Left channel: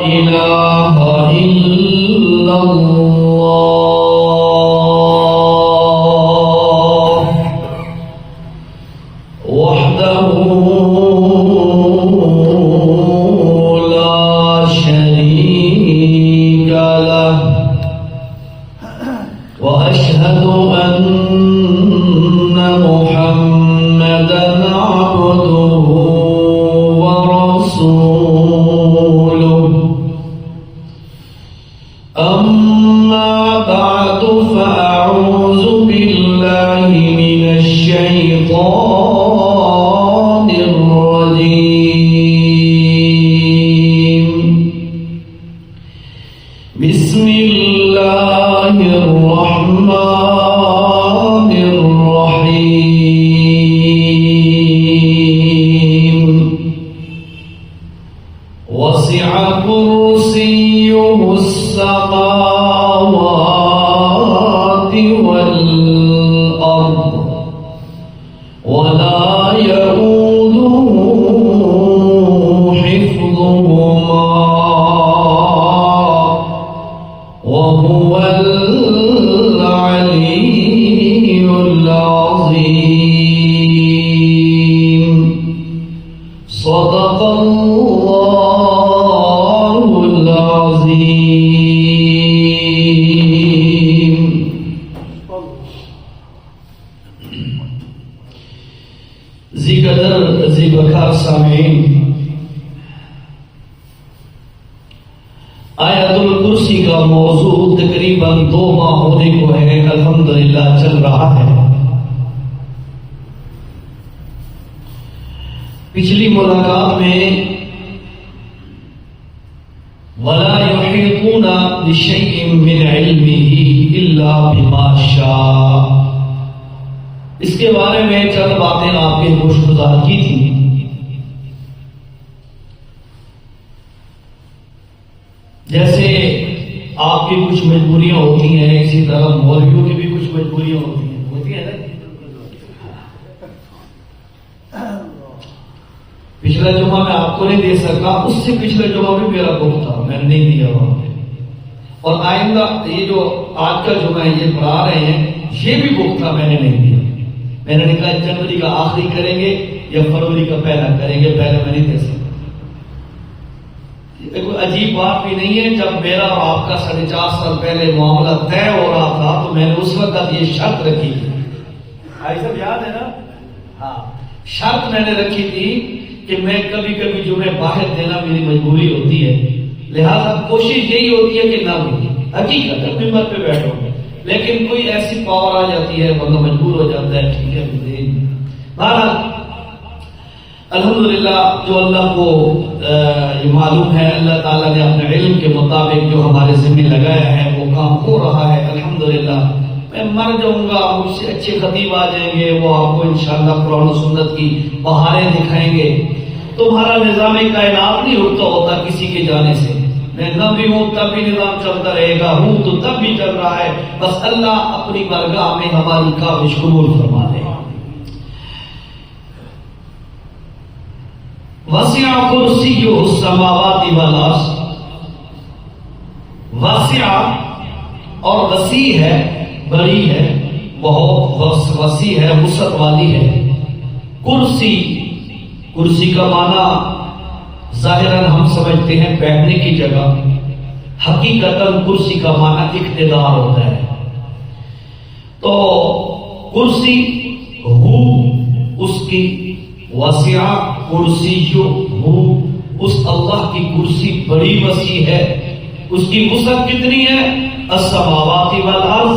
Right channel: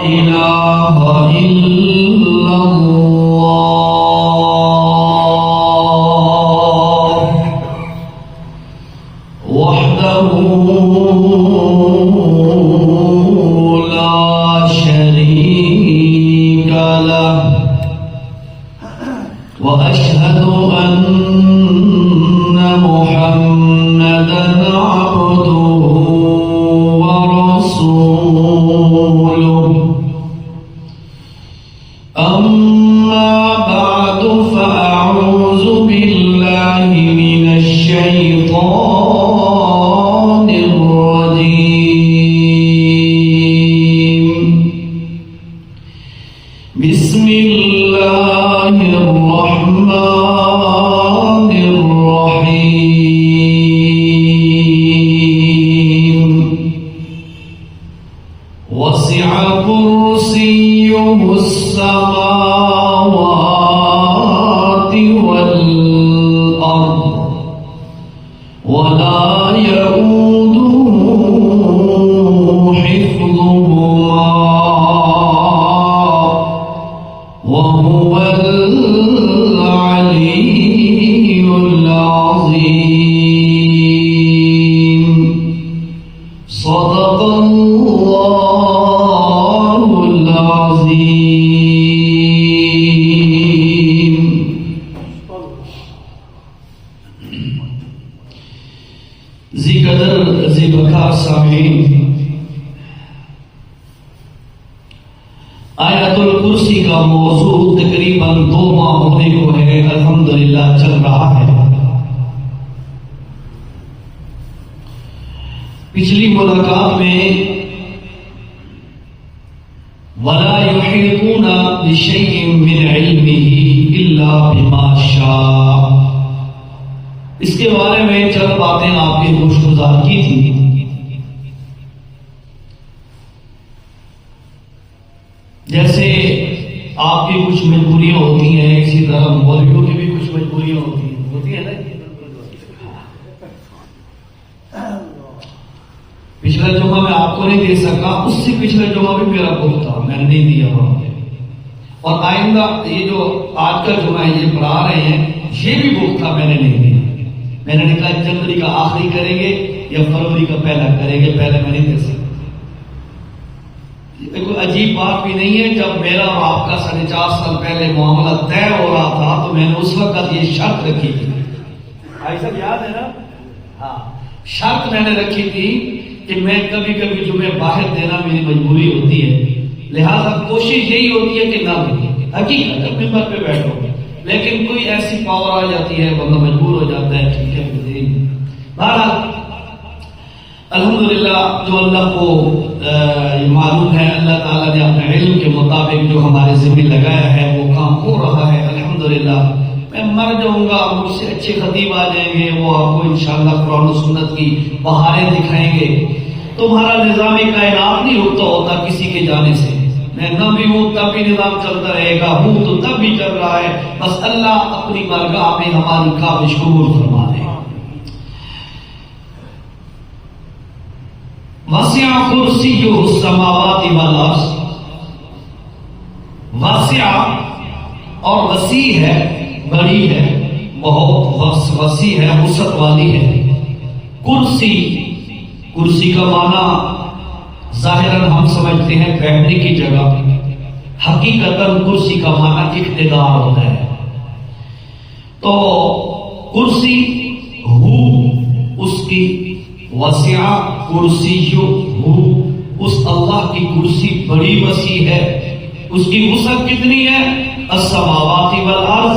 إله إلا الله وحده لا شريك له وأشهد أن محمدا عبده ورسوله أما بعد فأعوذ بالله من الشيطان الرجيم بسم الله الرحمن الرحيم وسع كرسيه السماوات والأرض ولا يؤوده حفظهما وهو العلي العظيم صدق الله العظيم. ذی بکار سامعین، آیت الکرسی کا موضوع تقریباً 2 ماہ ہونے کو ہے، الحمدللہ چل رہا ہے۔ پچھلی ملاقات میں وَلَا يُحِيطُونَ بِشَيْءٍ مِّنْ عِلْمِهِ إِلَّا بِمَا شَاءَ، اس کے بارے میں چند باتیں آپ کے گفتگو کی تھی۔ جیسے آپ کی کچھ مجبوریاں ہوتی ہیں، اسی طرح مولویوں کی بھی کچھ مجبوریاں ہوتی ہیں نا۔ پچھلا جمعہ میں آپ کو نہیں دے سکا، اس سے پچھلے جمعہ بھی میرا بھوک تھا، میں نے نہیں دیا وہاں پہ، اور آئندہ یہ جو آج کا جمعہ ہے یہ پڑھا رہے ہیں، یہ بھی بھوک تھا، میں نے نہیں دیا۔ میں نے کہا جنوری کا آخری کریں گے یا فروری کا پہلا کریں گے، پہلے میں نہیں دے سکتا۔ کوئی عجیب بات بھی نہیں ہے، جب میرا اور آپ کا 4.5 سال پہلے معاملہ طے ہو رہا تھا تو میں نے اس وقت یہ شرط رکھی تھی، بھائی صاحب یاد ہے نا؟ ہاں، شرط میں نے رکھی تھی کہ میں کبھی کبھی جمعے باہر دینا میری مجبوری ہوتی ہے، لہذا کوشش یہی ہوتی ہے کہ نہ ہو، حقیقت ہے، ممبر پہ بیٹھو، لیکن کوئی ایسی پاور آ جاتی ہے بندہ مجبور ہو جاتا ہے، ٹھیک ہے۔ بہرحال الحمدللہ جو اللہ کو معلوم ہے، اللہ تعالیٰ نے اپنے علم کے مطابق جو ہمارے ذمہ لگایا ہے وہ کام ہو رہا ہے الحمدللہ۔ میں مر جاؤں گا، مجھ سے اچھے خطیب آ جائیں گے، وہ آپ کو انشاءاللہ قرآن و سنت کی بہاریں دکھائیں گے۔ تمہارا نظام کائنات نہیں رکتا ہوتا کسی کے جانے سے، میں نہ بھی ہوں تب بھی نظام چلتا رہے گا، ہوں تو تب بھی چل رہا ہے، بس اللہ اپنی بارگاہ میں ہماری کاوش قبول فرما دے۔ وسع کرسیہ السماوات والارض، وسع اور وسیع ہے، بڑی ہے، بہت وسیع ہے، وسعت والی ہے۔ کرسی، کرسی کا معنی ظاہراً ہم سمجھتے ہیں بیٹھنے کی جگہ، حقیقتاً کرسی کا معنی اقتدار ہوتا ہے۔ تو کرسی ہو اس کی، وسع کرسی ہو اس اللہ کی کرسی بڑی وسیع ہے، اس کی وسعت کتنی ہے؟ السماوات والارض،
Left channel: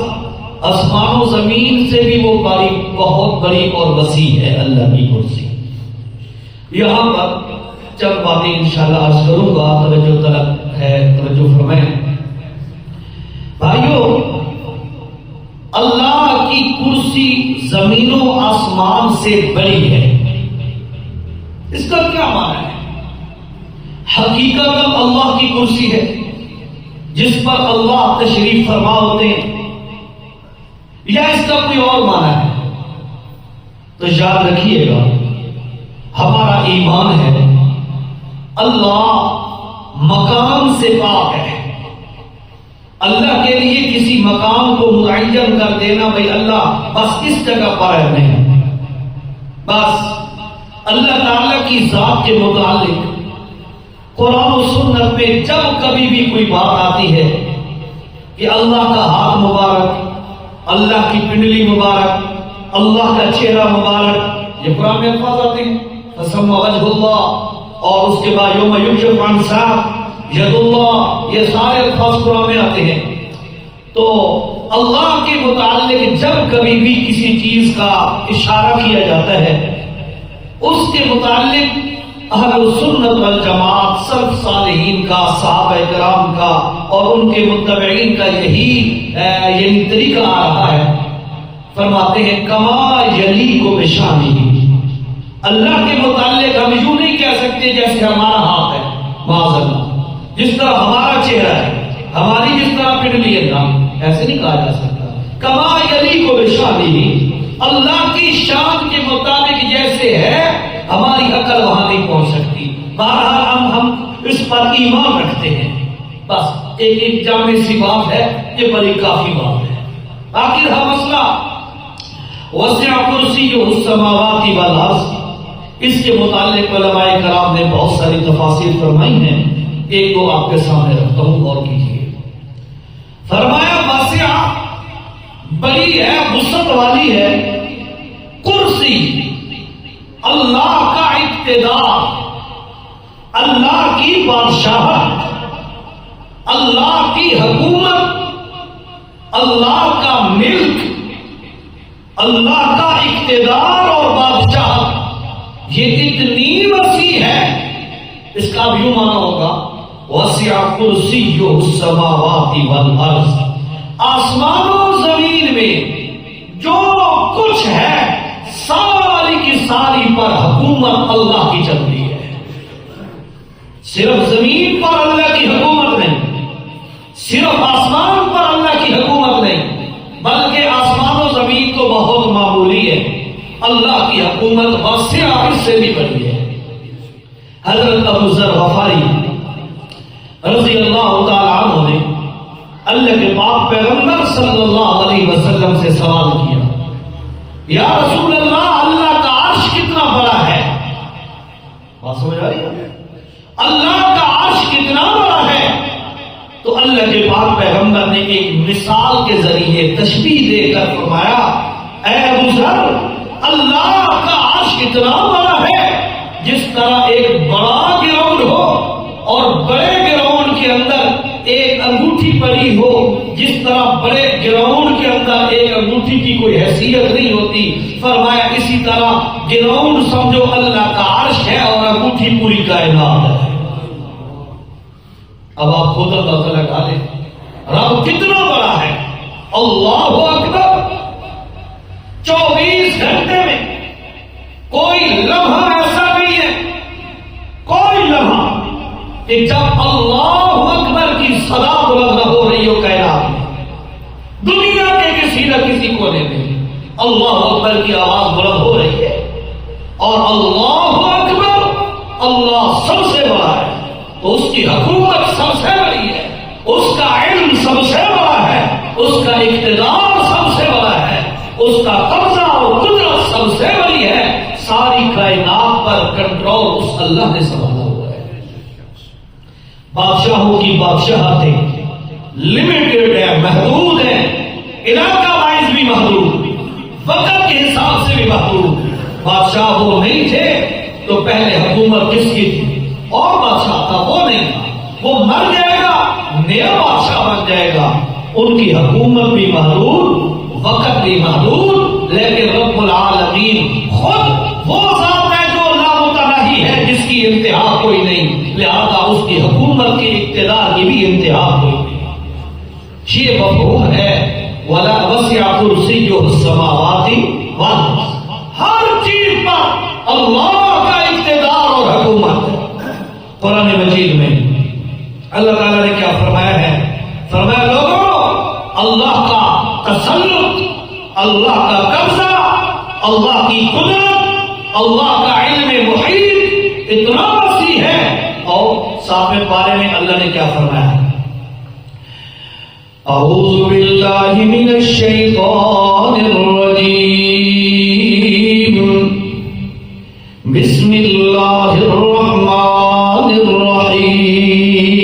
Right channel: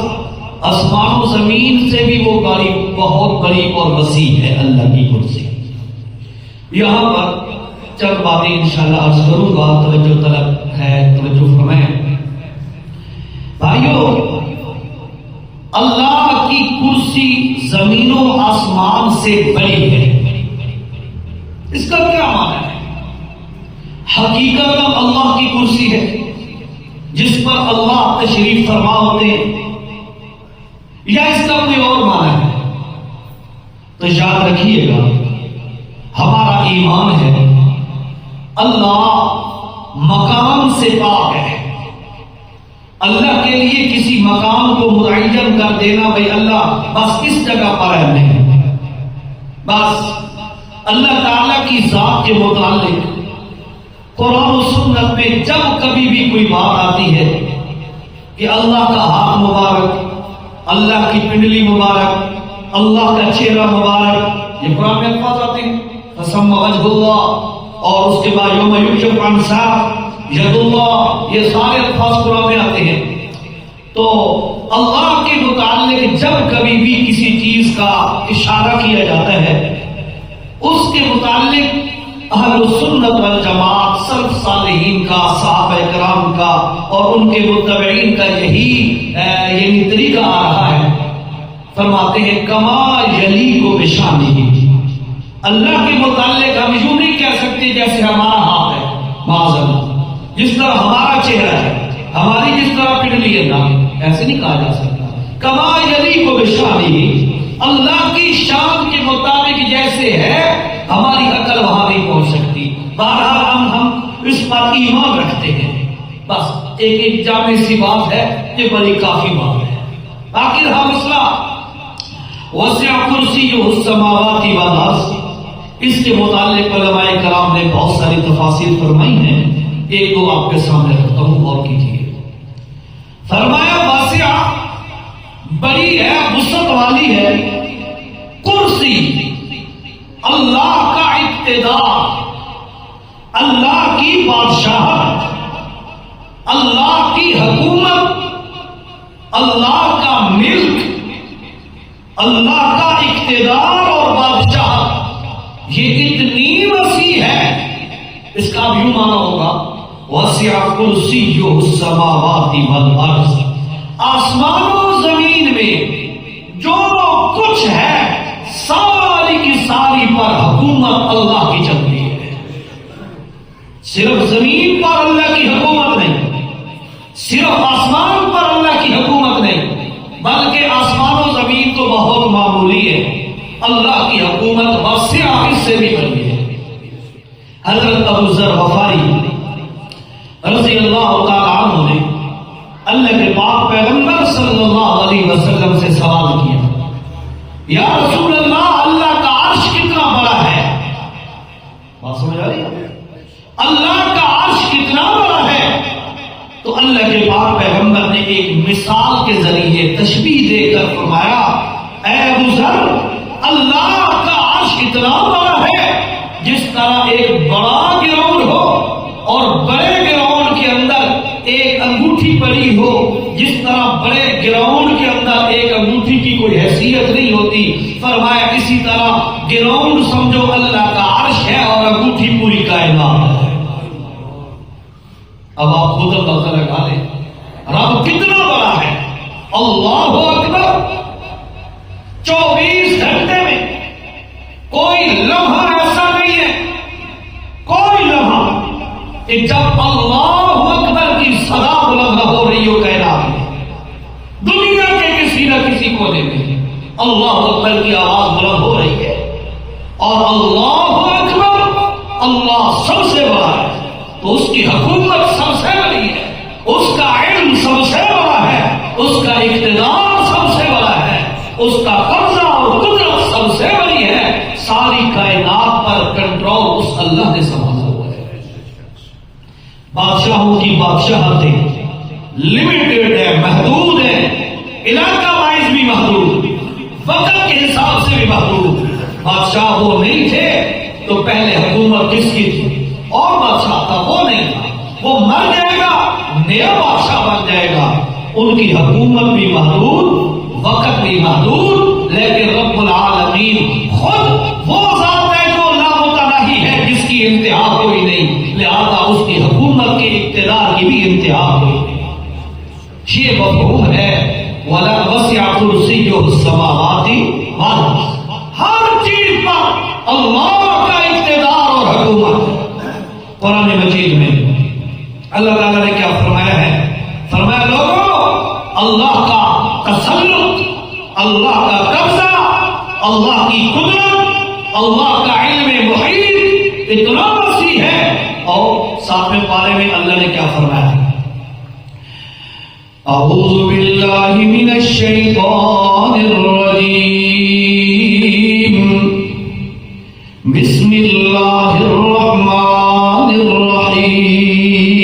آسمان و زمین سے بھی وہ بڑی، بہت بڑی اور وسیع ہے اللہ کی کرسی۔ یہاں پر چند باتیں انشاءاللہ عرض کروں گا، توجہ طلب ہے، توجہ فرمائیں بھائیو۔ اللہ کی کرسی زمین و آسمان سے بڑی ہے، اس کا کیا معنی ہے؟ حقیقت اللہ کی کرسی ہے جس پر اللہ تشریف فرما ہوتے ہیں، یا اس کا کوئی اور معنی ہے؟ تو یاد رکھیے گا، ہمارا ایمان ہے اللہ مقام سے پاک ہے. اللہ کے لیے کسی مقام کو متعین کر دینا بھائی اللہ بس اس جگہ پر ہے نہیں. بس اللہ تعالیٰ کی ذات کے متعلق قرآن و سنت میں جب کبھی بھی کوئی بات آتی ہے کہ اللہ کا ہاتھ مبارک، اللہ کی پنڈلی مبارک، اللہ کا چہرہ مبارک، یہ قرآن میں الفاظ آتے ہیں. فسم وجہ اللہ، اور اس کے بعد یوم یکشف عن ساق ید اللہ، یہ سارے الفاظ قرآن میں آتے ہیں. تو اللہ کے متعلق جب کبھی بھی کسی چیز کا اشارہ کیا جاتا ہے اس کے متعلق اہل سنت والجماعت سلف صالحین کا، صحابہ کرام کا اور ان کے متبعین کا یہی طریقہ آ رہا ہے. فرماتے ہیں کما یلی کو بشانی، اللہ کے متعلق ہم یوں نہیں کہہ سکتے جیسے ہمارا ہاتھ ہے، معاذ اللہ، جس طرح ہمارا چہرہ ہے، ہماری جس طرح پنڈلی ہے نا، ایسے نہیں کہا جا سکتا. کما یلی کو بشانی، اللہ کی شان کے مطابق جیسے ہے ہماری عقل وہاں نہیں پہنچ سکتی. بہرحال ہم اس پر ایمان رکھتے ہیں. بس ایک جامع سی بات ہے، یہ بڑی کافی بات ہے. باقی رہا مسئلہ وسع کرسیہ السماوات والارض، اس کے متعلق علماء کرام نے بہت ساری تفاسیر فرمائی ہیں. ایک دو آپ کے سامنے رکھتا ہوں، غور کیجیے. فرمایا واسع بڑی ہے، وسعت والی ہے. کرسی اللہ کا اقتدار، اللہ کی بادشاہت، اللہ کی حکومت، اللہ کا ملک، اللہ کا اقتدار اور بادشاہت یہ اتنی وسیع ہے. اس کا بھی یوں مانا ہوگا وسع کرسیہ السماوات والارض، آسمان و زمین میں جو کچھ ہے ساری کی ساری پر حکومت اللہ کی چلتی ہے. صرف زمین پر اللہ کی حکومت نہیں، صرف آسمان پر اللہ کی حکومت نہیں، بلکہ آسمان و زمین تو بہت معمولی ہے، اللہ کی حکومت واسعہ اس سے بھی بڑی ہے. حضرت ابو ذر غفاری رضی اللہ تعالی عنہ نے اللہ کے پاک پیغمبر صلی اللہ علیہ وسلم سے سوال کیا، یا رسول اللہ، اللہ کا عرش کتنا بڑا ہے؟ بات سمجھ آ رہی ہے؟ اللہ کا عرش کتنا بڑا ہے؟ تو اللہ کے پاک پیغمبر نے ایک مثال کے ذریعے تشبیہ دے کر فرمایا، اے ابو ذر، اللہ کا عرش اتنا بڑا ہے جس طرح ایک بڑا گراؤنڈ ہو اور بڑے گراؤنڈ کے اندر ایک انگوٹھی پڑی ہو، جس طرح بڑے گراؤنڈ کے اندر ایک انگوٹھی کی کوئی حیثیت نہیں ہوتی. فرمایا اسی طرح گراؤنڈ سمجھو اللہ کا عرش ہے اور انگوٹھی پوری کائنات ہے. اب آپ خود اندازہ لگا لیں رب کتنا بڑا ہے. اللہ اکبر. 24 گھنٹے میں کوئی لمحہ ایسا نہیں ہے، کوئی لمحہ کہ جب اللہ اکبر کی صدا بلند ہو رہی ہو کائنات میں. دنیا کے کسی نہ کسی کونے میں اللہ اکبر کی آواز بلند ہو رہی ہے، اور اللہ اکبر، اللہ سب سے بڑا ہے، تو اس کی حکومت سب سے بڑی ہے، اس کا علم سب سے بڑا ہے، اس کا اقتدار سب سے بڑا ہے، اس کا قبضہ اور قدرت سب سے بڑی ہے. ساری کائنات پر کنٹرول اس اللہ نے سنبھالا ہوا ہے. بادشاہوں کی بادشاہتیں لمیٹڈ ہے، محدود ہے، علاقہ وائز بھی محدود، وقت کے حساب سے بھی محدود. بادشاہ وہ نہیں تھے تو پہلے حکومت کس کی تھی؟ اور بادشاہ تھا، وہ نہیں تھا، وہ مر جائے گا، نیا بادشاہ بن جائے گا. ان کی حکومت بھی محدود، وقت بھی محدود، لیکن رب العالمین خود وہ ذات ہے جو لامتناہی ہے، جس کی انتہا کوئی نہیں، لہذا اس کی حکومت کی اقتدار کی بھی انتہا کوئی نہیں. یہ مفہوم ہے وَلَا وَسِعَ كُرْسِيُّهُ السَّمَاوَاتِ وَالْأَرْضَ. ہر چیز پر اللہ کا اقتدار اور حکومت ہے. قرآن مجید میں اللہ تعالیٰ نے کیا فرمایا ہے؟ فرمایا لوگوں، اللہ کا تسلط، اللہ کا قبضہ، اللہ کی قدرت، اللہ کا علم محیط اتنا وسیع ہے اور 7ویں پارے میں اللہ نے کیا فرمایا؟ اعوذ باللہ من الشیطان الرجیم بسم اللہ الرحمن الرحیم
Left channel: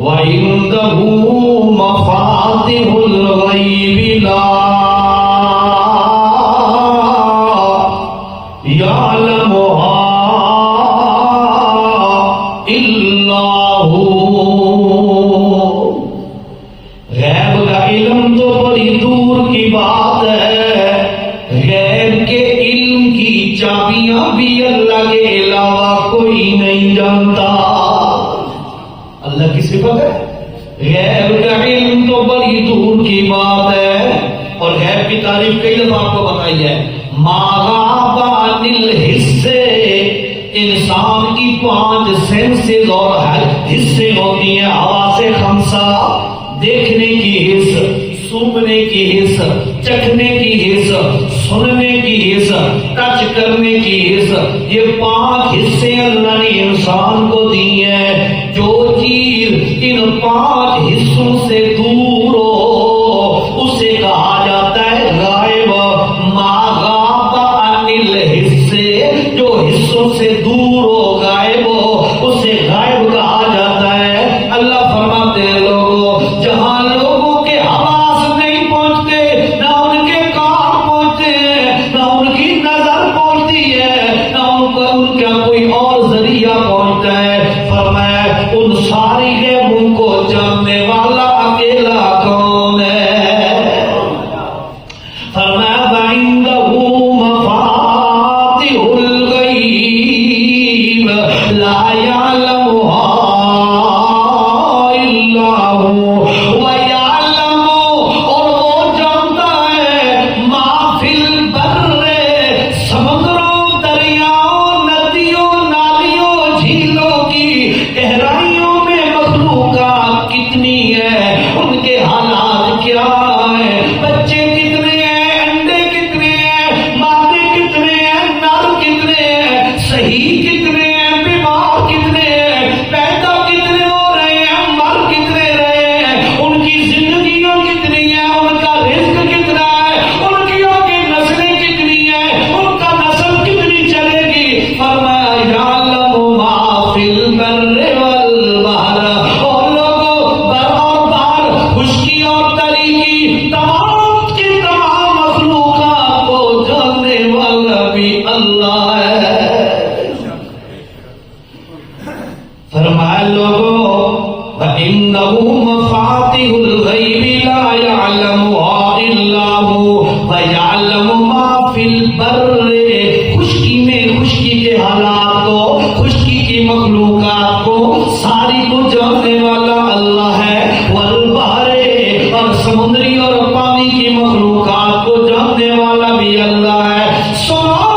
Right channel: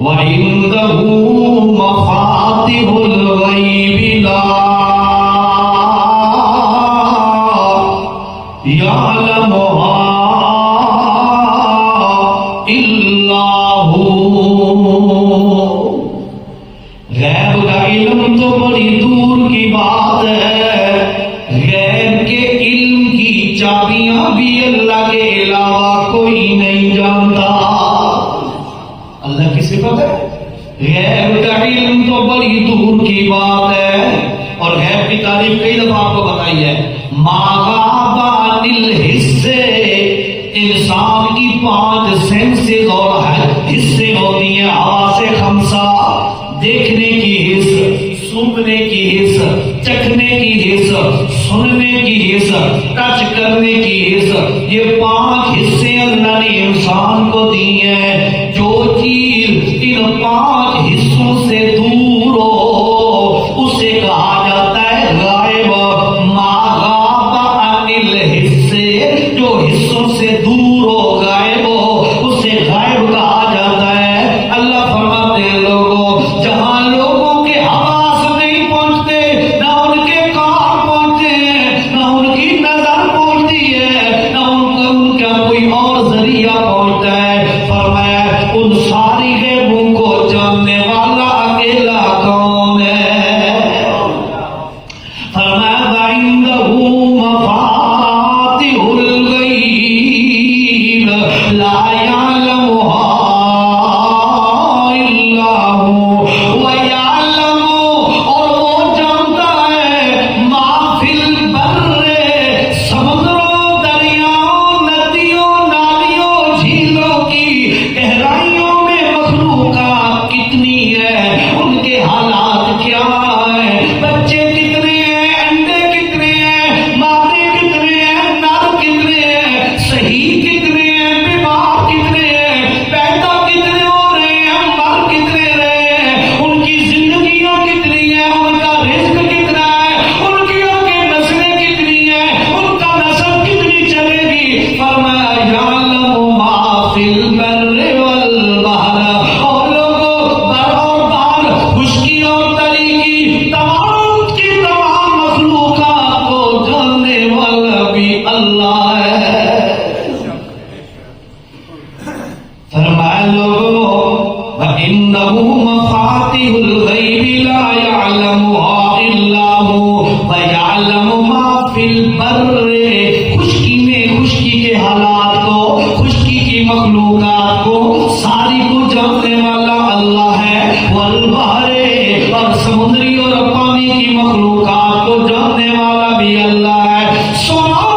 وعنده مفاتح الغیب لا يعلمها إلا هو غیب کا علم تو بڑی دور کی بات ہے، غیب کے علم کی چابیاں بھی اللہ کے علاوہ کوئی نہیں جانتا۔ اللہ کی صفت ہے غیب کا علم تو بڑی دور کی بات ہے، اور غیب کی تعریف کئی دفعہ آپ کو بتائی ہے۔ انسان کی 5 سینسز اور حصے ہوتی ہیں، حواس خمسہ، دیکھنے کی حص، سونگنے کی حص، چکھنے کی حص، سننے کی حص، ٹچ کرنے کی حص، یہ 5 حصے اللہ نے انسان کو دی ہیں۔ جو چیز ان 5 حصوں سے دور ہو اسے کہا جاتا ہے غائب۔ جو حصوں سے دور ہو، غائب ہو، اسے غائب کہا جاتا ہے۔ اللہ فرماتے ہیں لوگوں، جہاں لوگوں کے حواس نہیں پہنچتے، نہ ان کے کان پہنچتے ہیں، نہ ان کی نظر پہنچتی ہے، نہ ان کا کوئی اور ذریعہ پہنچتا ہے، فرمایا ان ساری غیبوں کو جاننے والا اکیلا کون ہے؟ فرمایا وعنده مفاتح الغیب لا يعلمها الا هو ويعلم، اور وہ جانتا ہے ما فی البر، سمندروں، دریاؤں، ندیوں، نالیوں، جھیلوں کی گہرائیوں میں مخلوقات کتنی ہے، ان کے حالات کیا ہیں، بچے کتنے ہیں، انڈے کتنے ہیں، مادے کتنے ہیں، نر کتنے ہیں، صحیح کتنے ہیں، بیمار کتنے ہیں، پیدا کتنے ہو رہے ہیں، مر کتنے رہے ہیں، ان کی زندگیوں کتنی ہیں، ان کا رزق کتنا ہے، ان کی آگے نسلیں کتنی ہیں، ان کا نسل کتنی چلے گی۔ فرمایا یعلم ما فی البر والبحر، اور لوگوں بر اور بحر، خشکی اور تری کی تمام کی تمام مخلوقات کو جاننے والا بھی اللہ ہے۔ فرمایا لوگوں وعنده مفاتح الغیب لا يعلمها الا هو ويعلم ما فی البر، خشکی میں خشکی کے حالات کو، خشکی کی مخلوقات کو ساری کو جاننے والا اللہ ہے، والبحر، اور سمندری اور پانی کی مخلوقات کو جاننے والا بھی اللہ ہے۔ سبحان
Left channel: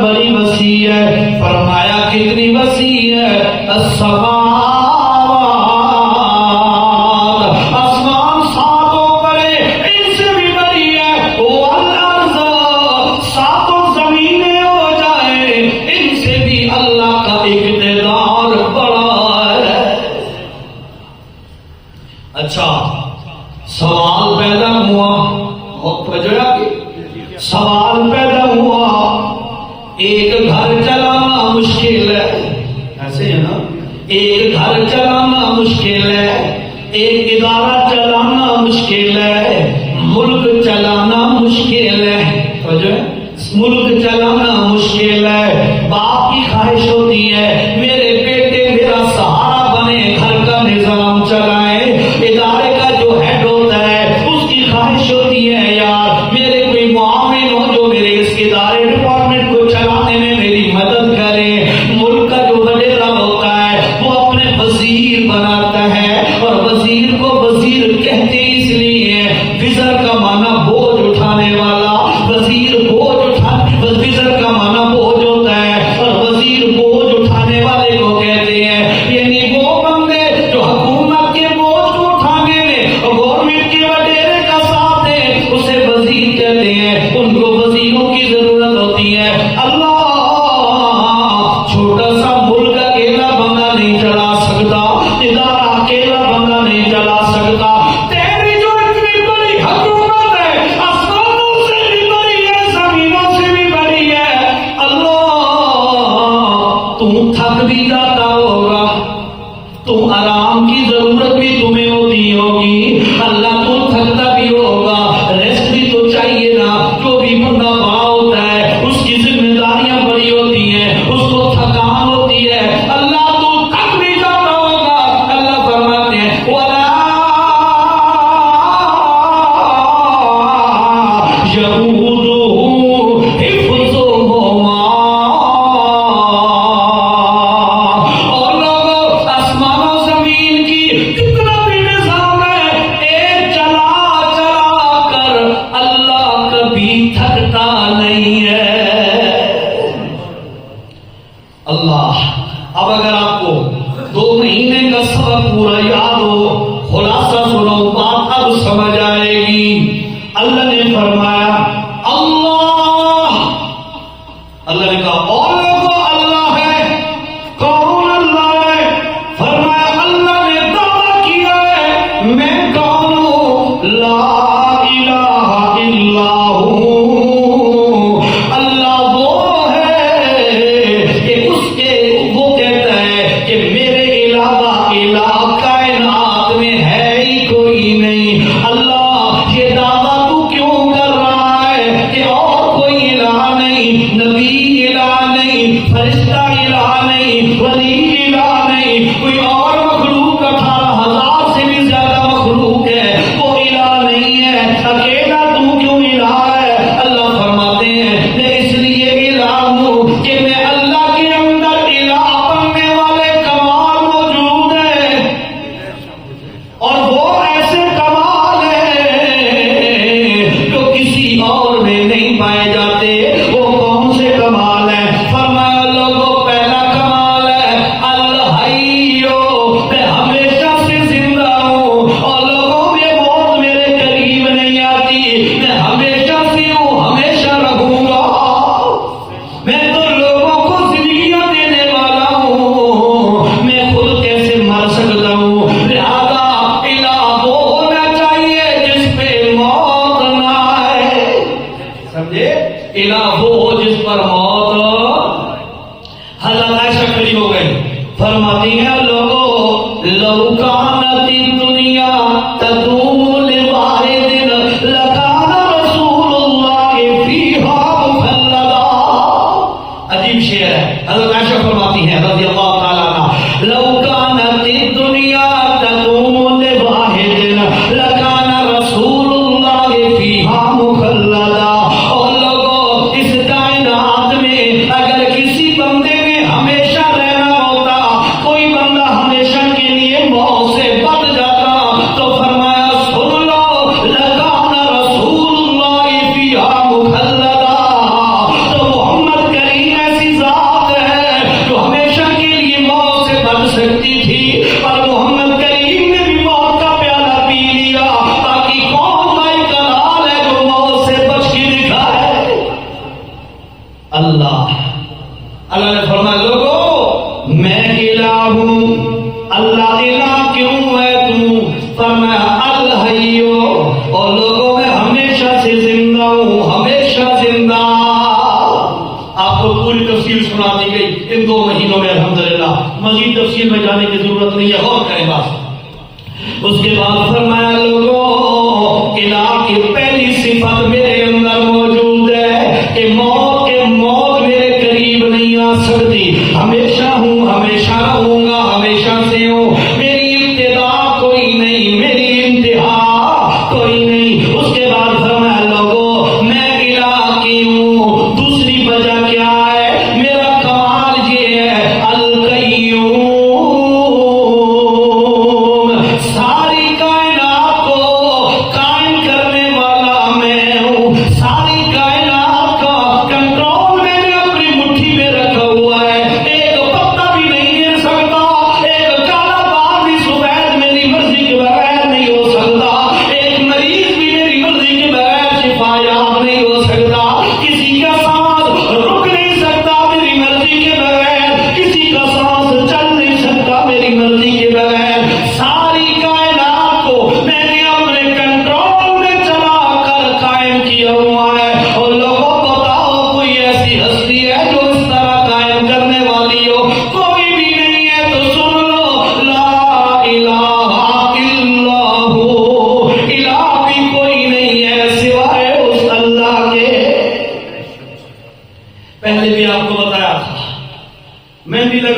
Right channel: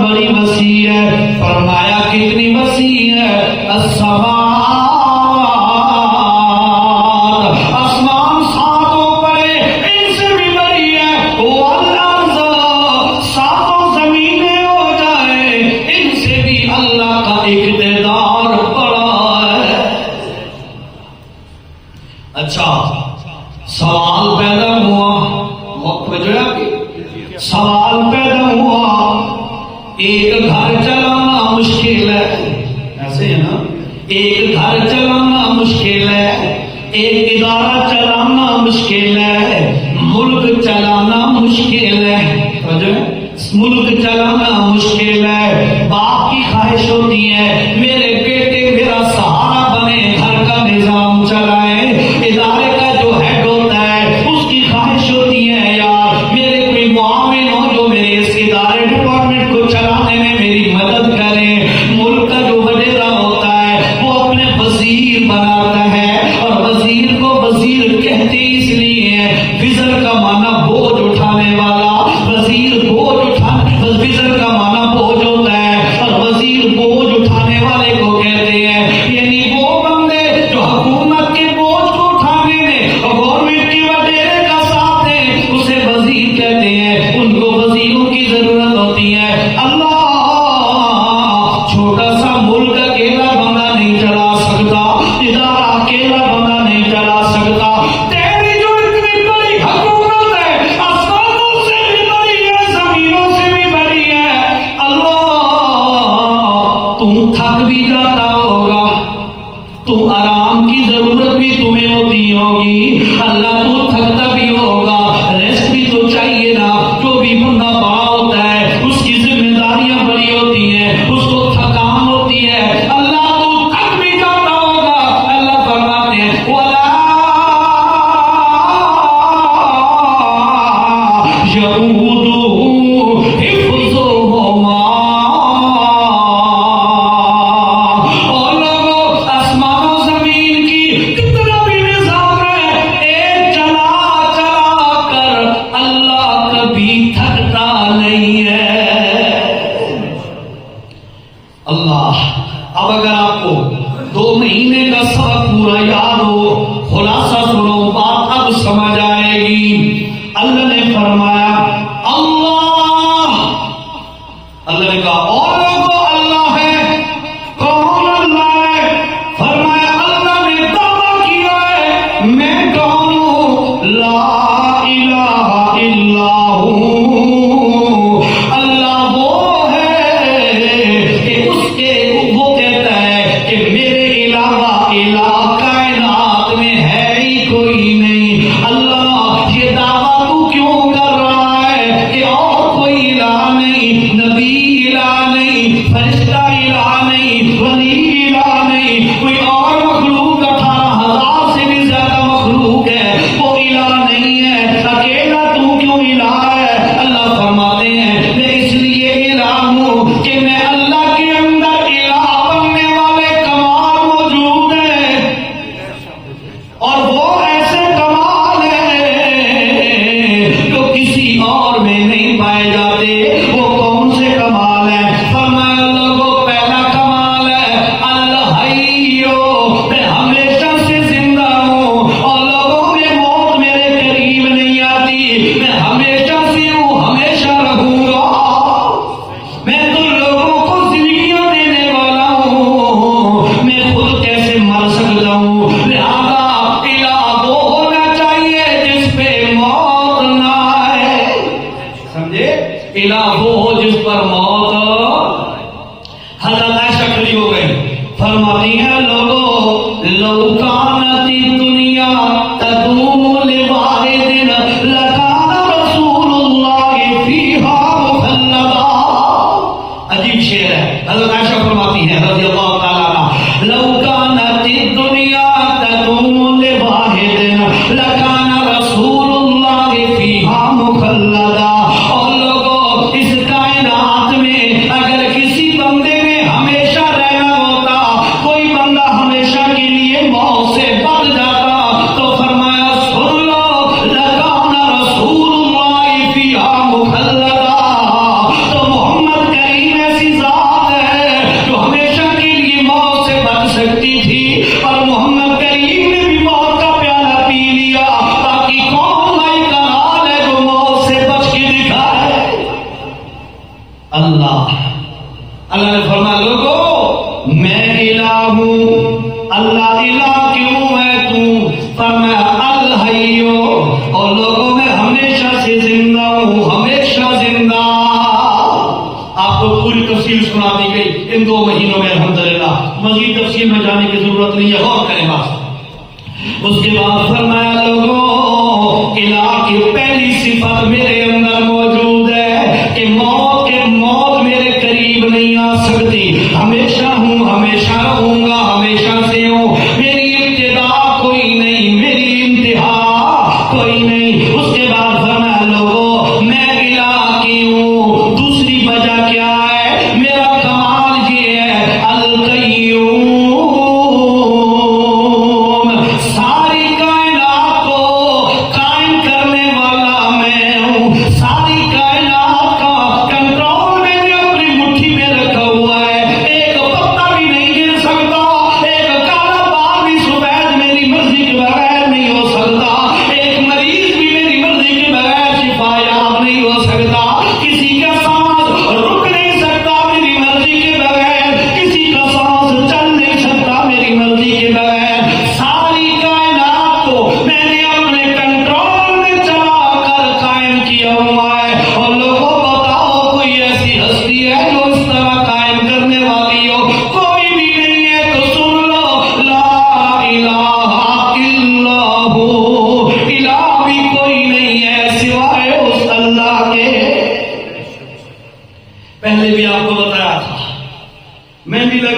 بڑی وسیع ہے۔ فرمایا کتنی وسیع ہے؟ السماوات، آسمان ساتوں بڑے، ان سے بھی بڑی ہے، والارض، ساتوں زمینیں ہو جائے، ان سے بھی اللہ کا اقتدار بڑا ہے۔ اچھا سوال پیدا ہوا، سوال پیدا ہوا، ایک گھر چلانا مشکل ہے، ایسے ہے نا، ایک گھر چلانا مشکل ہے، ایک ادارہ چلانا مشکل ہے، ملک چلانا مشکل ہے، ملک چلانا مشکل ہے، والے کو کہتے ہیں، یعنی وہ بندے جو حکومت کے بوجھ کو اٹھانے میں گورنمنٹ کے وڈیرے کا ساتھ دیں، اسے وزیر کہتے ہیں، ان کو وزیروں کی ضرورت ہوتی ہے۔ اللہ چھوٹا سا ملک اکیلا بندہ نہیں چلا سکتا، ادارہ اکیلا بندہ نہیں چلا سکتا۔ تیری جو اتنی بڑی حکومت ہے، آسمانوں سے بھی بڑی ہے، زمینوں سے بھی بڑی ہے، تم تھک بھی جاتا ہوگا، تو آرام کی ضرورت بھی تمہیں ہوتی ہوگی، اللہ تو تھکتا بھی ہوگا، ریسٹ بھی تو چاہیے نا۔ جو بھی بندہ وہاں ہوتا ہے اس کی ذمہ داریاں بڑی ہوتی ہیں، اس کو تھکان ہوتی ہے، اللہ تو تھک بھی جاتا ہوگا۔ اللہ فرماتے ہیں وَلَا يَئُودُهُ حِفْظُهُمَا۔ اور لوگوں، آسمان و زمین کی کتنا بھی نظام ہے، ایک چلا چلا کر اللہ کبھی تھکتا نہیں ہے۔ اللہ، اب اگر آپ کو 2 مہینے کا سبق پورا یاد ہو، خلاصہ سنو، بات اب سمجھ آئے گی۔ اللہ نے فرمایا اللہ نے کہا اور لوگوں اللہ ہے، کون اللہ ہے؟ فرمایا اللہ نے دعویٰ کیا ہے میں کون ہوں، لا الہ الا ہوں۔ اللہ وہ ہے کہ اس کے وہ کہتا ہے کہ میرے علاوہ الہ کائنات میں ہے ہی کوئی نہیں۔ اللہ یہ دعویٰ تو کیوں کر رہا ہے کہ اور کوئی الہ نہیں، نبی الہ نہیں، فرشتہ الہ نہیں، ولی الہ نہیں، کوئی اور مخلوق 18,000 سے بھی زیادہ مخلوق ہے، وہ الہ نہیں ہے، اکیلا تو کیوں الہ ہے؟ اللہ فرماتے ہیں میں اس لیے الہ ہوں کہ میں اللہ کے اندر الہ بننے والے کمال موجود ہیں، اور وہ ایسے کمال ہیں جو کسی اور میں نہیں پائے جاتے۔ وہ کون سے کمال ہیں؟ فرمایا لوگوں، پہلا کمال ہے الحیو، میں ہمیشہ سے زندہ ہوں، اور لوگوں میں موت میرے قریب نہیں آتی، میں ہمیشہ سے ہوں، ہمیشہ رہوں گا، میں تو لوگوں کو زندگیاں دینے والا ہوں، میں خود کیسے مر سکتا ہوں؟ لہذا الہ وہ ہونا چاہیے جس پہ موت نہ آئے، سمجھے؟ الہ وہ ہو جس پر موت۔ حضرت عائشہ کھڑی ہو گئی، فرماتی ہیں لوگوں لو کانت الدنیا تدوم لواحد لکان رسول اللہ فیہا مخلدا۔ عجیب شعر ہے، حضرت عائشہ فرماتی ہیں رضی اللہ تعالیٰ عنہا، لو کانت الدنیا تدوم لواحد لکان رسول اللہ فیہا مخلدا۔ اور لوگوں، اس کائنات میں اگر کسی بندے نے ہمیشہ رہنا ہوتا، کوئی بندہ ہمیشہ کے لیے موت سے بچ جاتا، تو فرمایا سن لو لکان رسول اللہ فیہا مخلدا۔ تو محمد کریم ایسی ذات ہے جو ہمیشہ کے لیے موت سے بچ سکتی تھی، اور محمد کریم نے بھی موت کا پیالہ پی لیا، باقی کون بھائی کمال ہے جو موت سے بچ کے دکھائے؟ اللہ نے فرمایا لوگوں میں الہ ہوں۔ اللہ الہ کیوں ہے تو؟ فرمایا الحیو، اور لوگوں میں ہمیشہ سے زندہ ہوں، ہمیشہ زندہ۔ آپ کو پوری تفصیل سنا دی گئی ان 2 مہینوں میں، الحمدللہ مزید تفصیل میں جانے کی ضرورت نہیں ہے، غور کریں بات۔ اس کے بعد فرمایا لوگوں الہ کی پہلی صفت میرے اندر موجود ہے کہ موت میرے قریب نہیں آ سکتی، ہمیشہ ہوں، ہمیشہ رہوں گا، ہمیشہ سے ہوں، میری ابتدا کوئی نہیں، میری انتہا کوئی نہیں۔ اس کے بعد فرمایا لوگوں میں الہ کی ہوں، دوسری وجہ کیا ہے؟ میرا کمال یہ ہے القیوم، ساری کائنات کو قائم کرنے والا میں ہوں،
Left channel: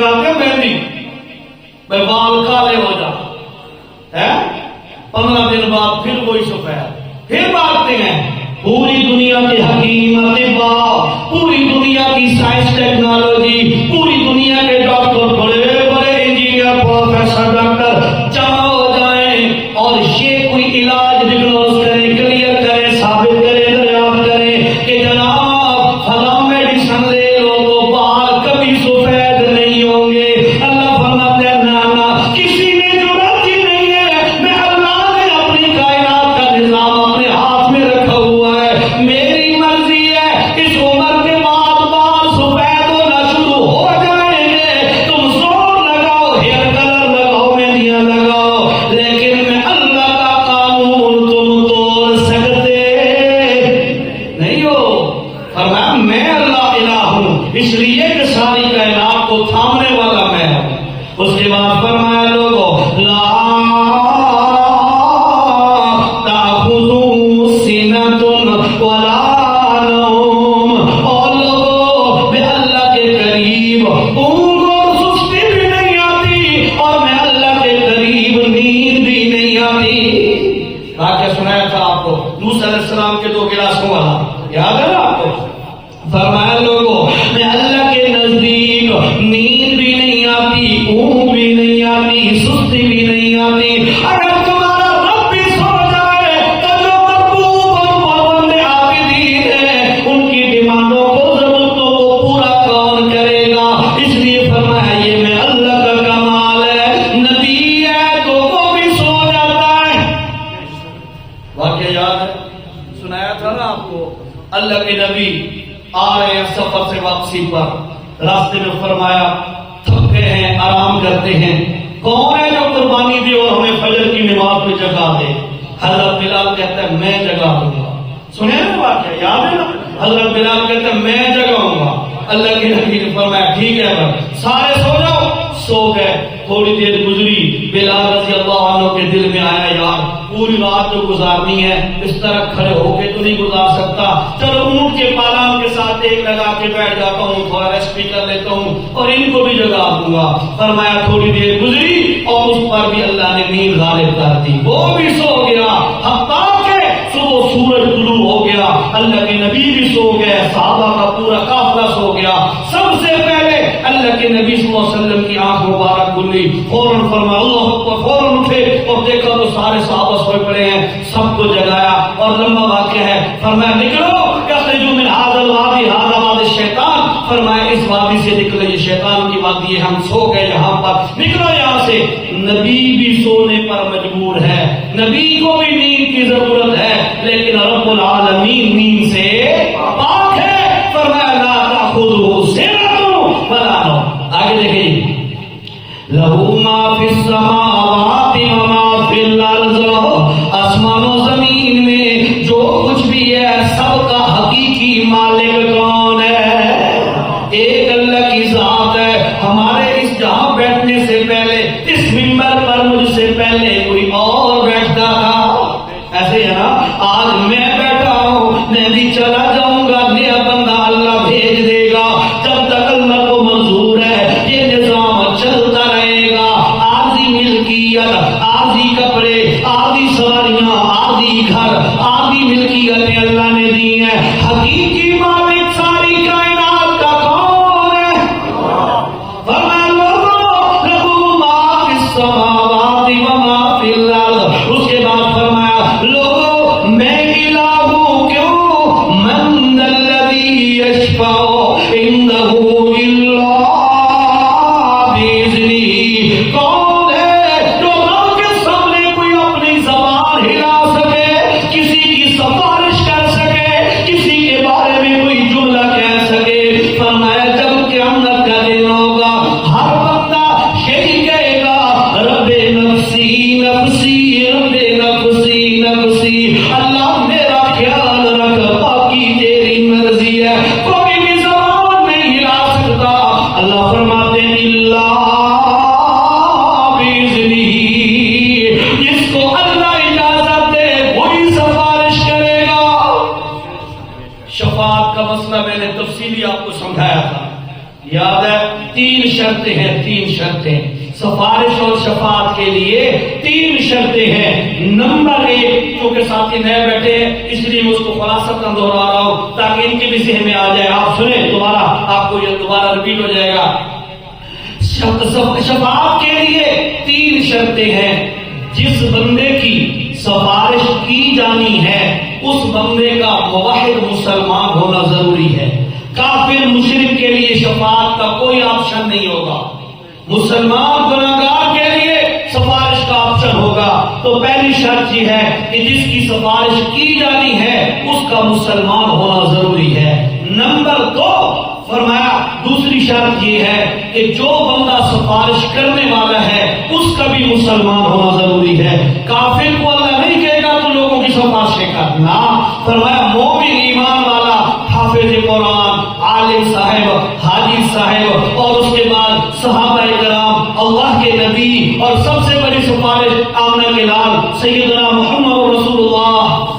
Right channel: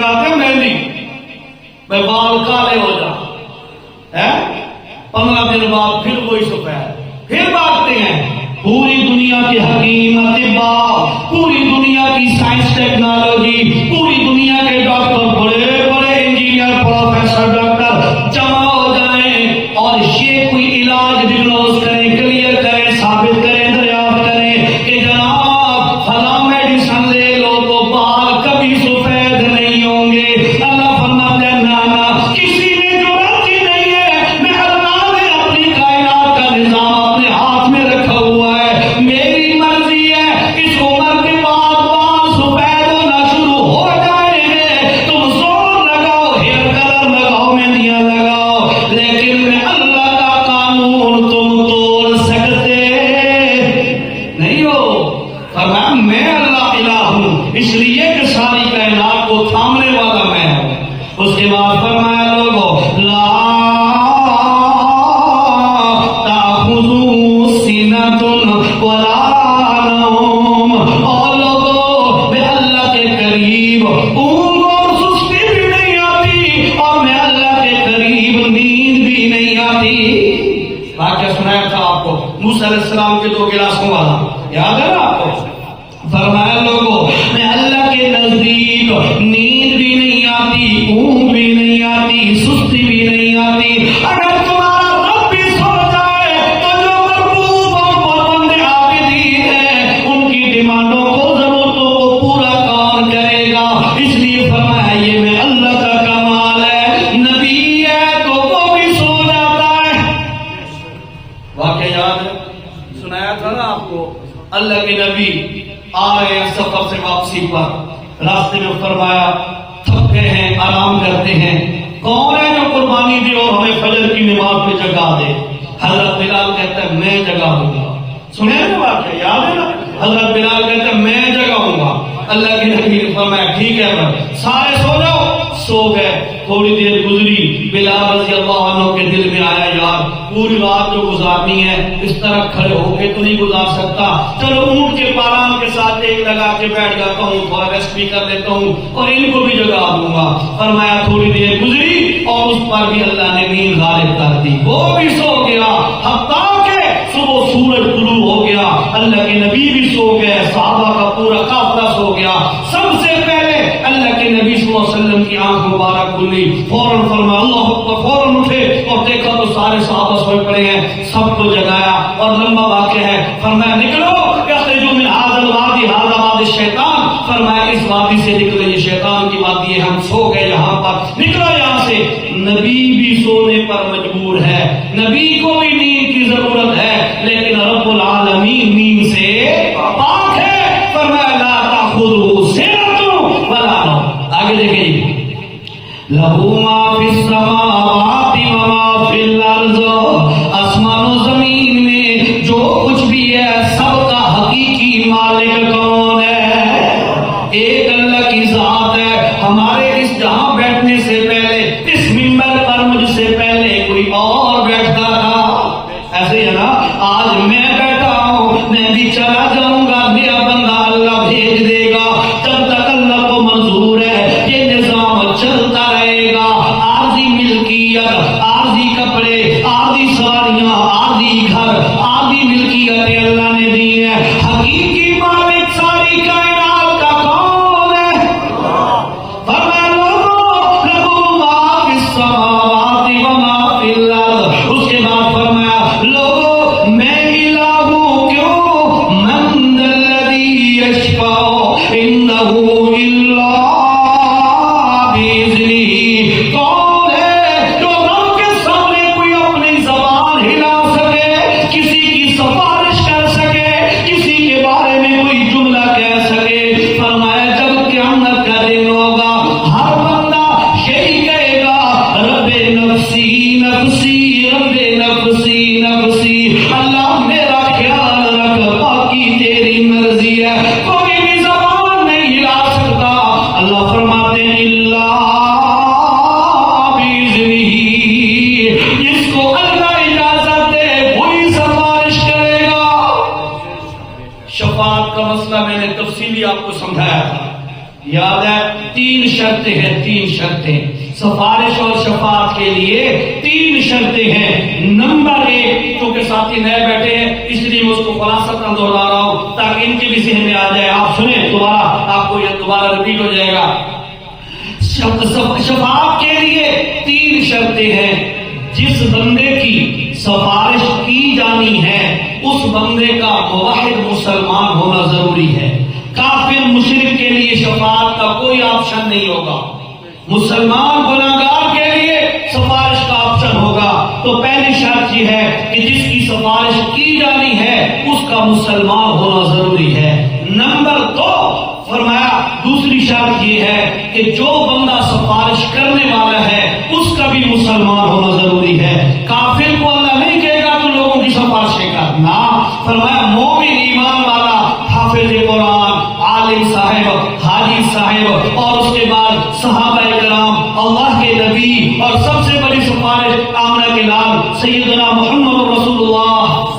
لگاتے ہیں مہندی، بھائی بال کالے ہو جا ہے، 15 دن بعد پھر وہی سفید، پھر بھاگتے ہیں۔ پوری دنیا کی حکیم اطباء، پوری دنیا کی سائنس ٹیکنالوجی، پوری دنیا کے ڈاکٹر، بڑے بڑے انجینئر، پروفیسر، ڈاکٹر جمع ہو جائیں اور یہ کوئی علاج ڈگنوز کریں، کلیئر کریں، ثابت کریں، دریافت کریں کہ جناب فلاں میڈیسن لے لو تو بال کبھی سفید نہیں ہوں گے۔ اللہ فرماتے ہیں نانا، کسی میں ضرورت ہی نہیں ہے، میں اللہ نے اپنی کائنات کا نظام اپنے ہاتھ میں رکھا ہوا ہے، میری مرضی ہے اس عمر کے بعد بال سفید ہونا شروع ہو جائیں گے، تم زور لگاؤ، ہیئر کلر لگاؤ، مہندیاں لگاؤ، لیکن میں اللہ کا قانون تم توڑ سکتے نہیں ہو۔ فرمایا میں اللہ الہ ہوں، اس لیے کہ ساری کائنات کو تھامنے والا میں ہوں۔ اس کے بعد فرمایا لوگوں لا تأخذوا سنۃ ولا نوم، اور لوگوں میں اللہ کے قریب اونگ اور سستی بھی نہیں آتی، اور میں اللہ کے قریب نیند بھی نہیں آتی۔ واقعہ سنایا تھا آپ کو موسیٰ علیہ السلام کے 2 گلاسوں والا، یاد ہے نا آپ کو؟ فرمایا لوگوں میں اللہ کے نزدیک نیند بھی نہیں آتی، اونگ بھی نہیں آتی، سستی بھی نہیں آتی۔ اگر تمہارا رب بھی سو جائے تو جو مربوب اور بندے عابدین ہیں ان کی ڈیمانڈوں کو، ضرورتوں کو پورا کون کرے گا؟ اس لیے فرمایا یہ میں اللہ کا کمال ہے، نبی ہے تو وہ بھی سو جاتا ہے۔ واقعہ یاد ہے، سنایا تھا نا آپ کو، اللہ کے نبی آ رہے ہیں سفر سے واپسی پر، راستے میں فرمایا تھکے ہیں، آرام کرتے ہیں، کون ہے جو قربانی دے اور ہمیں فجر کی نماز پہ جگا دے؟ حضرت بلال کہتا ہے میں جگاؤں گا۔ سنے نا واقعہ، یاد ہے نا؟ حضرت بلال کہتا ہے میں جگاؤں گا۔ اللہ کے نبی نے فرمایا ٹھیک ہے بھائی، سارے سو جاؤ۔ سو گئے، تھوڑی دیر گزری، بلال رضی اللہ عنہ کے دل میں آیا یار پوری رات جو گزارنی ہے اس طرح کھڑے ہو کے تو نہیں گزار سکتا، چلو اونٹ کے پالان کے ساتھ ایک لگا کے بیٹھ جاتا ہوں، تھوڑا ریسٹ بھی کر لیتا ہوں اور ان کو بھی جگا دوں گا۔ فرمایا تھوڑی دیر گزری اور اس پر بھی اللہ نے نیند غالب کر دی، وہ بھی سو گیا، حتیٰ کہ صبح سورج طلوع ہو گیا، اللہ کے نبی بھی سو گئے، صحابہ کا پورا قافلہ سو گیا۔ سب سے پہلے اللہ کے نبی صلی اللہ علیہ وسلم کی آنکھ مبارک کھلی، فوراً فرمایا اللہ اکبر، فوراً اٹھے اور دیکھا تو سارے صحابہ سوئے پڑے ہیں، سب کو جگایا اور لمبا واقعہ ہے۔ فرمایا نکلو یخرجوا من ھذا الوادی ھذا وادی الشیطان، فرمایا اس وادی سے نکلے، یہ شیطان کی وادی ہے، ہم سو گئے یہاں پر، نکلو یہاں سے۔ نبی بھی سونے پر مجبور ہے، نبی کو بھی نیند کی ضرورت ہے، لیکن رب العالمین نیند سے پاک ہے۔ فرمایا لا تأخذہ سنۃ ولا نوم۔ آگے دیکھیں لہ ما فی السماوات و ما فی الارض، آسمان و زمین میں جو کچھ بھی ہے سب کا حقیقی مالک کون ہے؟ ایک اللہ کی ذات ہے۔ ہمارے اس جہاں بیٹھنے سے پہلے، اس منبر پر مجھ سے پہلے کوئی اور بیٹھتا تھا، ایسے ہی ہے نا؟ آج میں بیٹھا ہوں، میں بھی چلا جاؤں گا، میرا بندہ اللہ بھیج دے گا، جب تک اللہ کو منظور ہے یہ نظام چلتا رہے گا۔ عارضی ملکیت، عارضی کپڑے، عارضی سواریاں، عارضی گھر، عارضی ملکیتیں اللہ نے دی ہیں، حقیقی مالک ساری کائنات کا کون ہے؟ فرمایا لہ ما فی السماوات و ما فی الارض۔ اس کے بعد فرمایا لوگوں میں الہ ہوں، کیوں؟ من الذی یشفع عندہ الا بإذنہ، کون ہے جو رب کے سامنے کوئی اپنی زبان ہلا سکے، کسی کی سفارش کر سکے، کسی کے بارے میں کوئی جملہ کہہ سکے؟ فرمایا جب قیامت کا دن ہوگا ہر بندہ یہی کہے گا رب نفسی نفسی رب نفسی نفسی، اللہ میرا خیال رکھ، باقی تیری مرضی ہے، کوئی بھی زبان نہیں ہلا سکتا۔ اللہ فرماتے ہیں اللہ بإذنہ، جس کو اللہ اجازت دے وہی سفارش کرے گا۔ شفاعت کا مسئلہ میں نے تفصیلی آپ کو سمجھایا تھا، یاد ہے؟ تین شرطیں ہیں، تین شرطیں سفارش اور شفاعت کے لیے تین شرطیں ہیں۔ نمبر ایک، کیونکہ ساتھی نئے بیٹھے ہیں اس لیے میں اس کو خلاصتاً دوہرا رہا ہوں تاکہ ان کے بھی ذہن میں آ جائے، آپ سنیں دوبارہ، آپ کو یہ دوبارہ ریپیٹ ہو جائے گا۔ شفاعت کے لیے تین شرطیں ہیں۔ جس بندے کی سفارش کی جانی ہے اس بندے کا موحد مسلمان ہونا ضروری ہے۔ کافر مشرک کے لیے شفاعت کا کوئی آپشن نہیں ہوگا، مسلمان گناہگار کے لیے سفارش کا آپشن ہوگا۔ تو پہلی شرط یہ ہے کہ جس کی سفارش کی جانی ہے اس کا مسلمان ہونا ضروری ہے۔ نمبر دو فرمایا دوسری شرط یہ ہے کہ جو بندہ سفارش کرنے والا ہے اس کا بھی مسلمان ہونا ضروری ہے۔ کافر کو اللہ نہیں کہے گا تم لوگوں کی سفارشیں کرنا، فرمایا مومن ایمان والا حافظ قرآن، عالم صاحب، حاجی صاحب اور اس کے بعد صحابہ کرام، اللہ کے نبی اور سب سے بڑی سفارش آمنہ کے لال سیدنا محمد رسول اللہ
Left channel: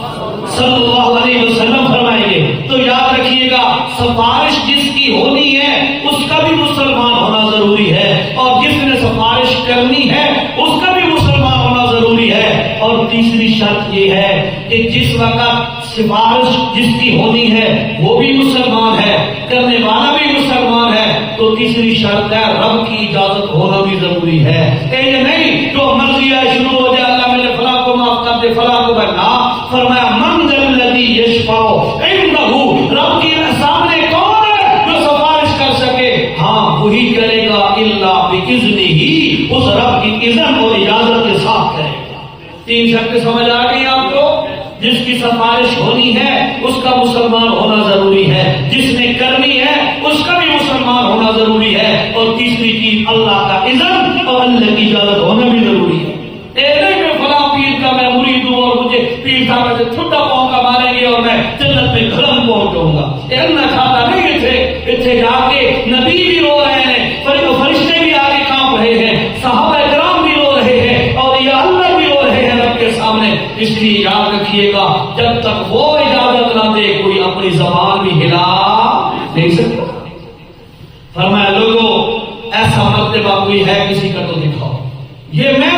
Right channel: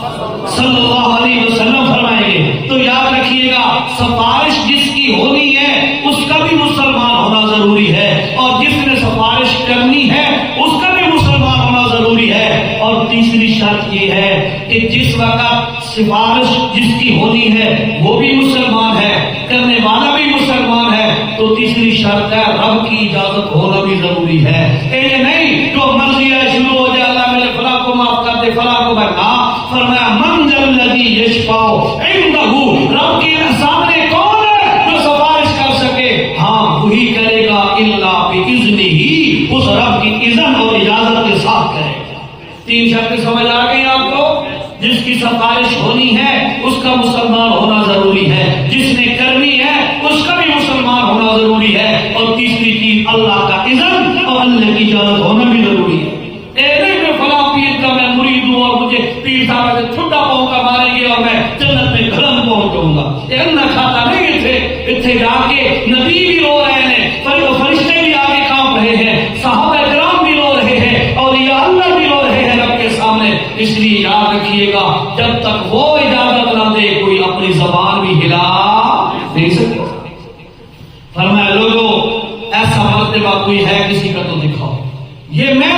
صلی اللہ علیہ وسلم فرمائیں گے۔ تو یاد رکھیے گا سفارش جس کی ہونی ہے اس کا بھی مسلمان ہونا ضروری ہے، اور جس نے سفارش کرنی ہے اس کا بھی مسلمان ہونا ضروری ہے۔ اور تیسری شرط یہ ہے کہ جس وقت سفارش جس کی ہونی ہے وہ بھی مسلمان ہے، کرنے والا بھی مسلمان ہے، تو تیسری شرط ہے رب کی اجازت ہونا بھی ضروری ہے۔ یہ نہیں جو مرضی ہے شروع ہو جائے اللہ میرے فلاں کو معاف کر دے فلاں کو بنا، فرمایا من ذا الذی یشفع عندہ، رب کے سامنے کون ہے جو سفارش کر سکے؟ ہاں وہی کرے گا الا باذنہ، اس رب کی اذن اور اجازت کے ساتھ کرے گا۔ تین شرطیں سمجھ آ گئی آپ کو؟ جس کی سفارش ہونی ہے اس کا مسلمان ہونا ضروری ہے، جس نے کرنی ہے اس کا بھی مسلمان ہونا ضروری ہے، اور تیسری چیز اللہ کا اذن اور اللہ کی اجازت ہونا بھی ضروری ہے۔ نہیں میں فلاں پیر کا میں مرید ہوں اور مجھے پیر صاحب سے ٹھنڈا پاؤں کا ماریں گے اور میں جنت میں گرم پہنچ جاؤں گا، میں کھاتا نہیں تھے۔ اتنے جا کے نبی بھی رو رہے ہیں، فرشتے بھی آگے کام رہے ہیں، صحابہ کرام بھی رو رہے ہیں، اور یہ اللہ بھی رو رہے ہیں رب کے سامنے۔ اس لیے یاد رکھیے گا جب تک وہ اجازت نہ دے کوئی اپنی زبان بھی ہلا نہیں سکتا۔ فرمایا لوگوں ایسا مرتبہ کوئی ہے کسی کا تو دکھاؤ، یہ میں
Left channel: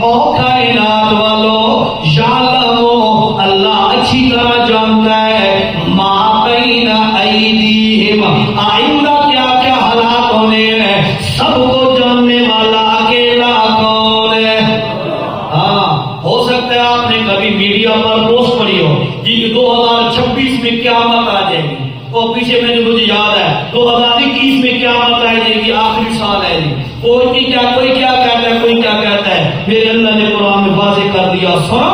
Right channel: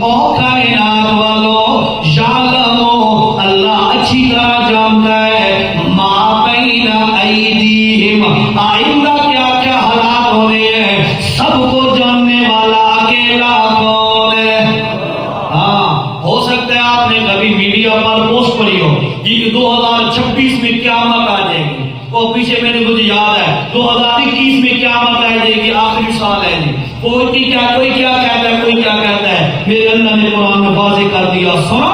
او کائنات والو یعلم، اللہ اچھی طرح جانتا ہے ما بین ایدیہم، آئندہ کیا کیا حالات ہونے ہیں، سب کو جاننے والا اکیلا کون ہے؟ ہاں ہو سکتا ہے آپ نے کبھی میڈیا پر پوسٹ پڑھی ہو کہ 2026 میں قیامت آ جائے گی، اور پیچھے میں نے مجھے یاد ہے 2021 میں قیامت آئے گی، یہ آخری سال ہے جی، کوئی کیا کہتا ہے، کوئی کیا کہتا ہے۔ میرے اللہ نے قرآن میں واضح کر دیا، سنو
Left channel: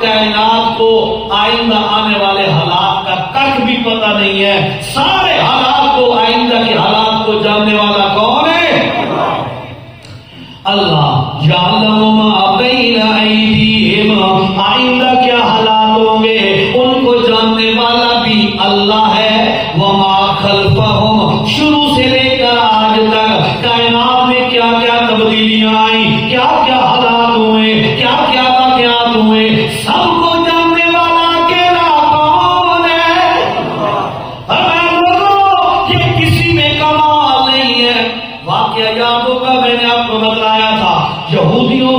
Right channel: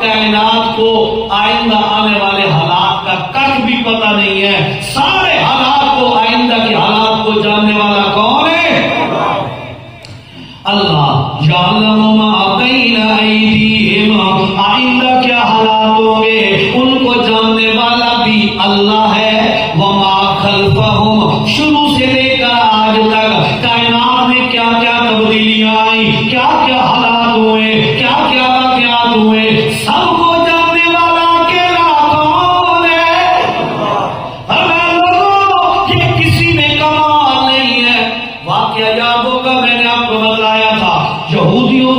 کائنات کو آئندہ آنے والے حالات کا کچھ بھی پتہ نہیں ہے، سارے حالات کو آئندہ کے حالات کو جاننے والا کون ہے؟ اللہ۔ یعلم ما بین ایدیہم، آئندہ کیا حالات ہوں گے ان کو جاننے والا بھی اللہ ہے۔ وما خلفہم، شروع سے لے کر آج تک کائنات میں کیا کیا تبدیلیاں آئیں، کیا کیا حالات ہوئے، کیا کیا واقعات ہوئے، سب کو جاننے والا اکیلا کون ہے؟ یہ کسی میں کمال نہیں ہے۔ واقعہ یاد ہوگا میں نے آپ کو بتایا تھا، یہودیوں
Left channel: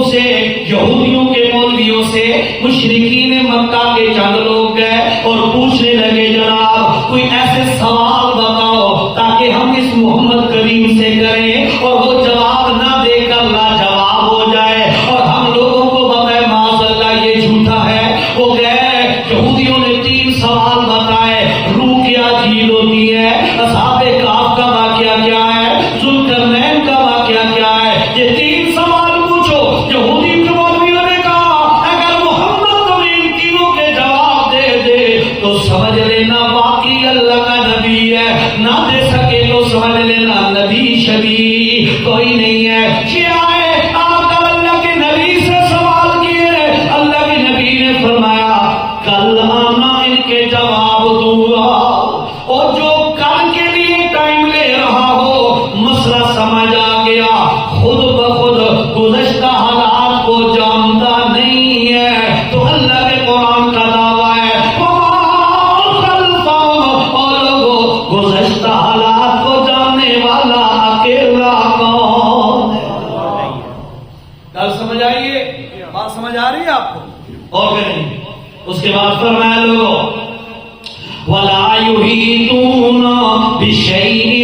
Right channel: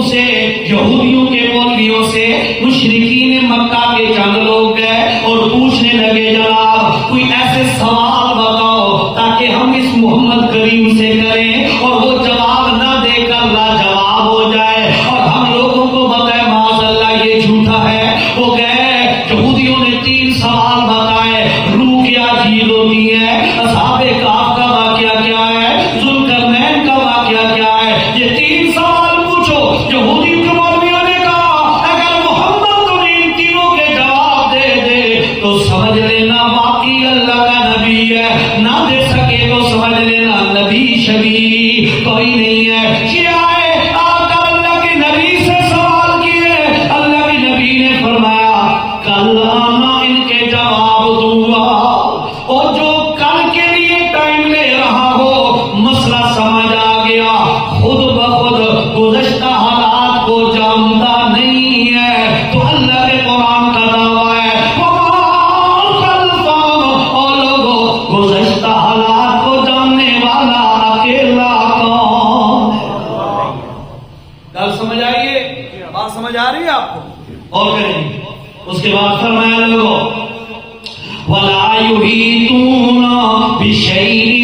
کے مولویوں سے مشرکین مکہ کے چند لوگ گئے اور پوچھنے لگے جناب کوئی ایسے سوال بتاؤ تاکہ ہم اس محمد کریم سے کریں اور وہ جواب نہ دے کر لاجواب ہو جائے اور ہم لوگوں کو بتائے معاذ اللہ یہ جھوٹا ہے۔ وہ گئے، یہودیوں نے 3 سوال بتائے، روح کیا جھیل ہوتی ہے، اصحاب کہف کا واقعہ کیا ہے، ذوالقرنین کا واقعہ کیا ہے، یہ 3 سوال پوچھو۔ یہودیوں کے مولویوں نے کہا اگر محمد تمہیں ان تینوں کے جواب دے دے تو سمجھ لینا واقعی اللہ کا نبی ہے، نہ دے سکے تو سمجھ لینا نبی شدید کوئی نہیں ہے۔ یہ آئے آپ کا اللہ کے نبی سے سوال کیے، اللہ کے نبی نے فرمایا کل آنا ان کے جواب دوں گا، اور جو کل کے لیے ٹائم لے رہا ہو مسئلہ سمجھ آ گیا، خود بخود گزشتہ حالات کو جانتا نہیں ہے، تو اللہ کے قرآن کا دعویٰ ہے اور گزشتہ حالات کو جاننے والا بات سمجھ آئیے؟ بات سمجھ آ رہی ہے آپ کو؟ اور کریں اس کے بعد فرمایا لوگوں وَلَا يُحِيطُونَ بِشَيْءٍ